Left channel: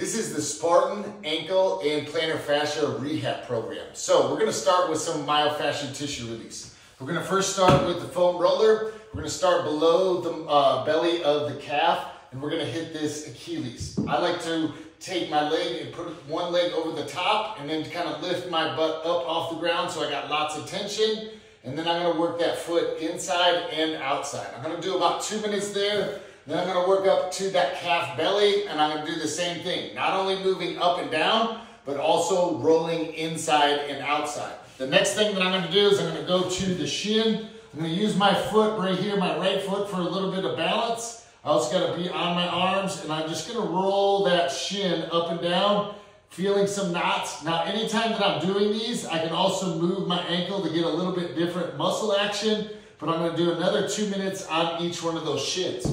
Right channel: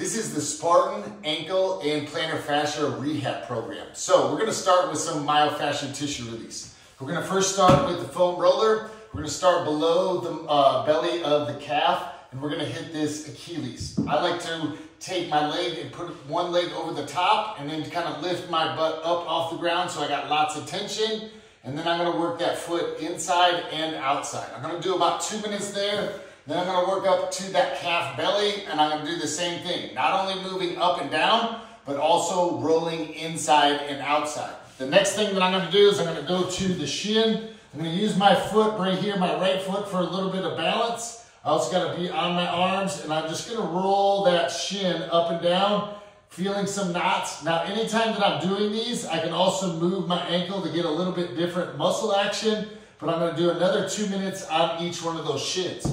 This is the Spartan ankle and plantar fascia rehab program. So we're gonna start with some myofascial tissue release. We're gonna first start with the foam roller. We're gonna start below the belly of the calf, and we're gonna hit this Achilles. I like to take my leg and put one leg over the top and then kind of lift my butt up off the ground so I got lots of tension. And then I'm gonna work that foot inside and outside. I'm gonna do about 2 minutes there. Then I'm gonna work up to that calf belly, and I'm gonna do the same thing. Not only moving up and down, but also rolling inside and outside. The next thing that I'm gonna do is I'm gonna go to the shin. I'm gonna use my foot right here, my right foot, for a little bit of balance. I also gotta be on my arms, and I'm just gonna roll that shin up and down, feeling some knots. Now, anytime that I'm doing these, I can also move my ankle to get a little bit different muscle action, but I'm gonna do another 2 minutes on each one of those shins.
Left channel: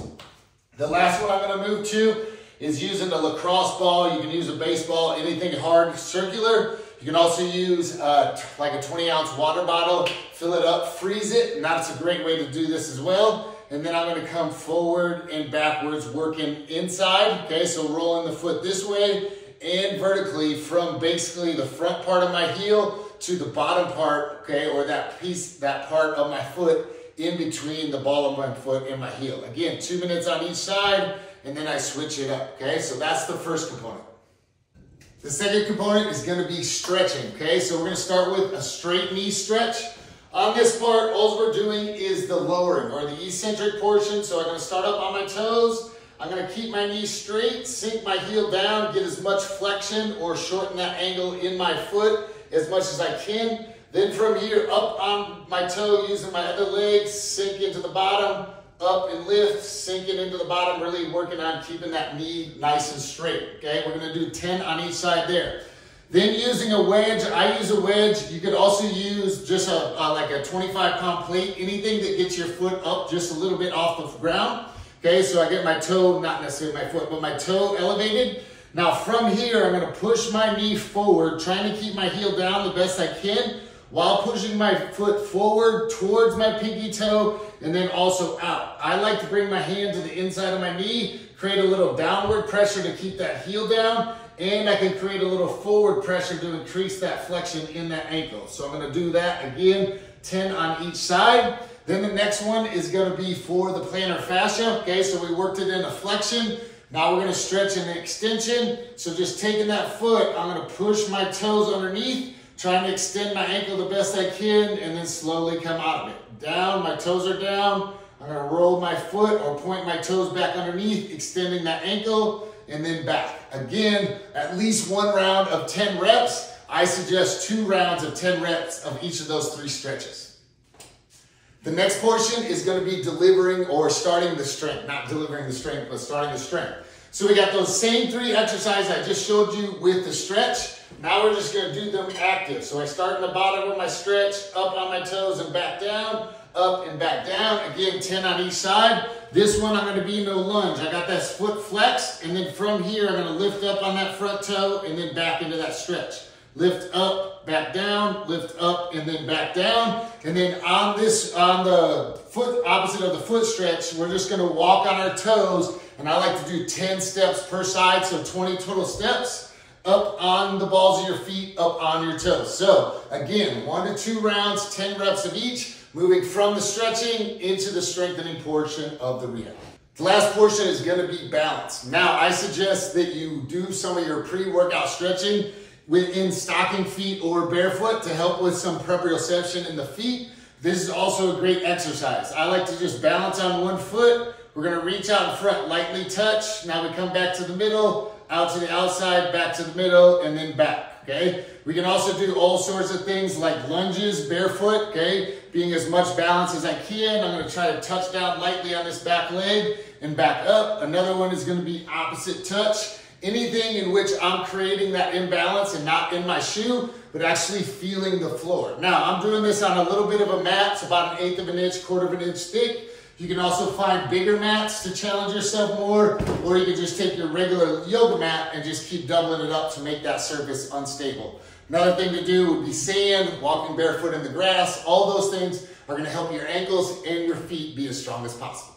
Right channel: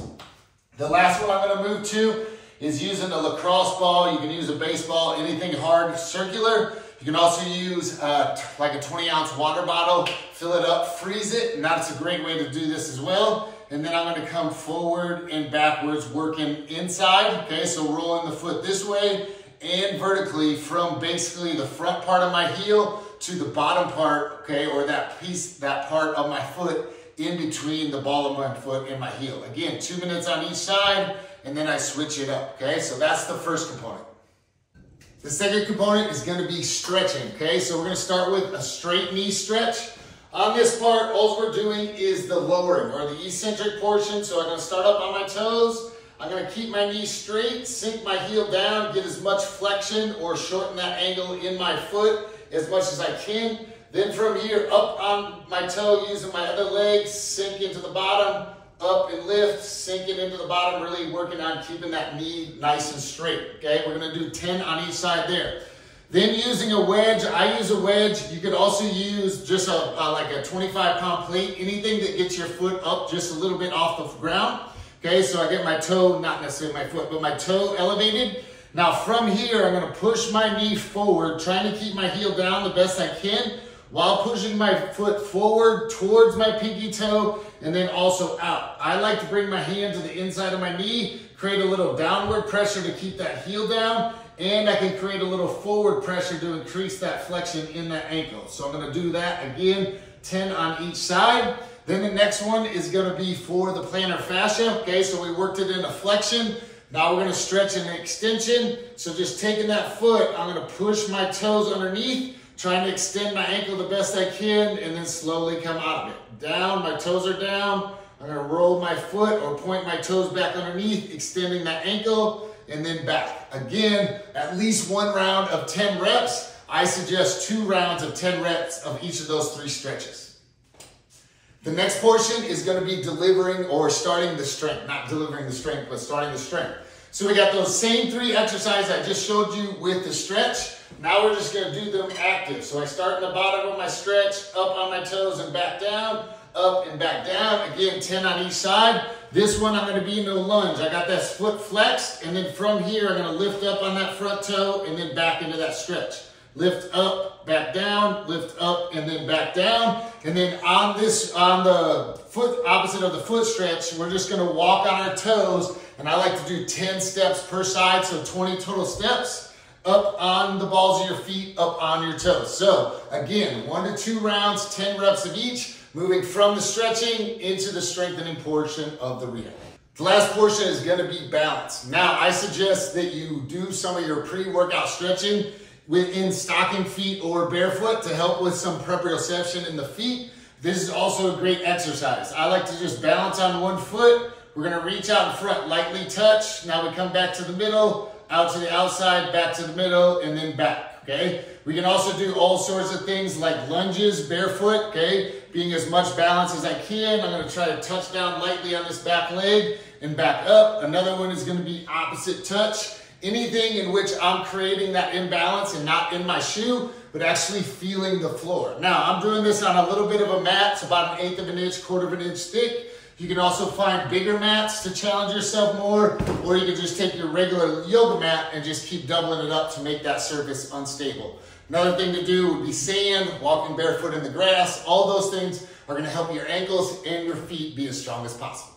The last one I'm gonna move to is using a lacrosse ball. You can use a baseball, anything hard, circular. You can also use like a 20-ounce water bottle, fill it up, freeze it, and that's a great way to do this as well. And then I'm gonna come forward and backwards, working inside, okay? So rolling the foot this way and vertically from basically the front part of my heel to the bottom part, okay? Or that part of my foot in between the ball of my foot and my heel. Again, 2 minutes on each side, and then I switch it up, okay? So that's the first component. The second component is gonna be stretching, okay? So we're gonna start with a straight knee stretch. On this part, all we're doing is the lowering or the eccentric portion. So I'm gonna start up on my toes. I'm gonna keep my knee straight, sink my heel down, get as much flexion or shorten that angle in my foot as much as I can. Then from here, up on my toe, using my other leg, sink into the bottom, up and lift, sinking into the bottom, really working on keeping that knee nice and straight, okay? We're gonna do 10 on each side there. Then using a wedge, I use a wedge. You could also use just like a 25-pound plate, anything that gets your foot up just a little bit off the ground, okay? So I get my toe, not necessarily my foot, but my toe elevated. Now from here, I'm gonna push my knee forward, trying to keep my heel down the best I can, while pushing my foot forward towards my pinky toe and then also out. I like to bring my hand to the inside of my knee, create a little downward pressure to keep that heel down, and I can create a little forward pressure to increase that flexion in that ankle. So I'm gonna do that again, 10 on each side. Then the next one is gonna be for the plantar fascia, okay? So we worked it in a flexion. Now we're gonna stretch an extension. So just taking that foot, I'm gonna push my toes underneath, trying to extend my ankle the best I can, and then slowly come out of it. Down, my toes are down. I'm gonna roll my foot or point my toes back underneath, extending that ankle, and then back. Again, at least 1 round of 10 reps. I suggest 2 rounds of 10 reps of each of those 3 stretches. The next portion is gonna be delivering or starting the strength. Not delivering the strength, but starting the strength. So we got those same 3 exercises I just showed you with the stretch. Now we're just gonna do them active. So I start in the bottom of my stretch, up on my toes and back down, up and back down. Again, 10 on each side. This one, I'm gonna be no lunge. I got that foot flexed, and then from here, I'm gonna lift up on that front toe and then back into that stretch. Lift up, back down, lift up, and then back down. And then on the foot, opposite of the foot stretch, we're just gonna walk on our toes, and I like to do 10 steps per side, so 20 total steps. Up on the balls of your feet, up on your toes. So again, 1 to 2 rounds, 10 reps of each, moving from the stretching into the strengthening portion of the rehab. The last portion is gonna be balance. Now, I suggest that you do some of your pre-workout stretching in stocking feet or barefoot to help with some proprioception in the feet. This is also a great exercise. I like to just balance on one foot. We're gonna reach out in front, lightly touch. Now we come back to the middle, out to the outside, back to the middle, and then back, okay? We can also do all sorts of things like lunges, barefoot, okay? Being as much balance as I can. I'm gonna try to touch down lightly on this back leg and back up. Another one is gonna be opposite touch. Anything in which I'm creating that imbalance and not in my shoe, but actually feeling the floor. Now, I'm doing this on a little bit of a mat. It's about 1/8 of an inch, 1/4 of an inch thick. You can also find bigger mats to challenge yourself more, or you can just take your regular yoga mat and just keep doubling it up to make that surface unstable. Another thing to do would be sand, walking barefoot in the grass. All those things are gonna help your ankles and your feet be as strong as possible.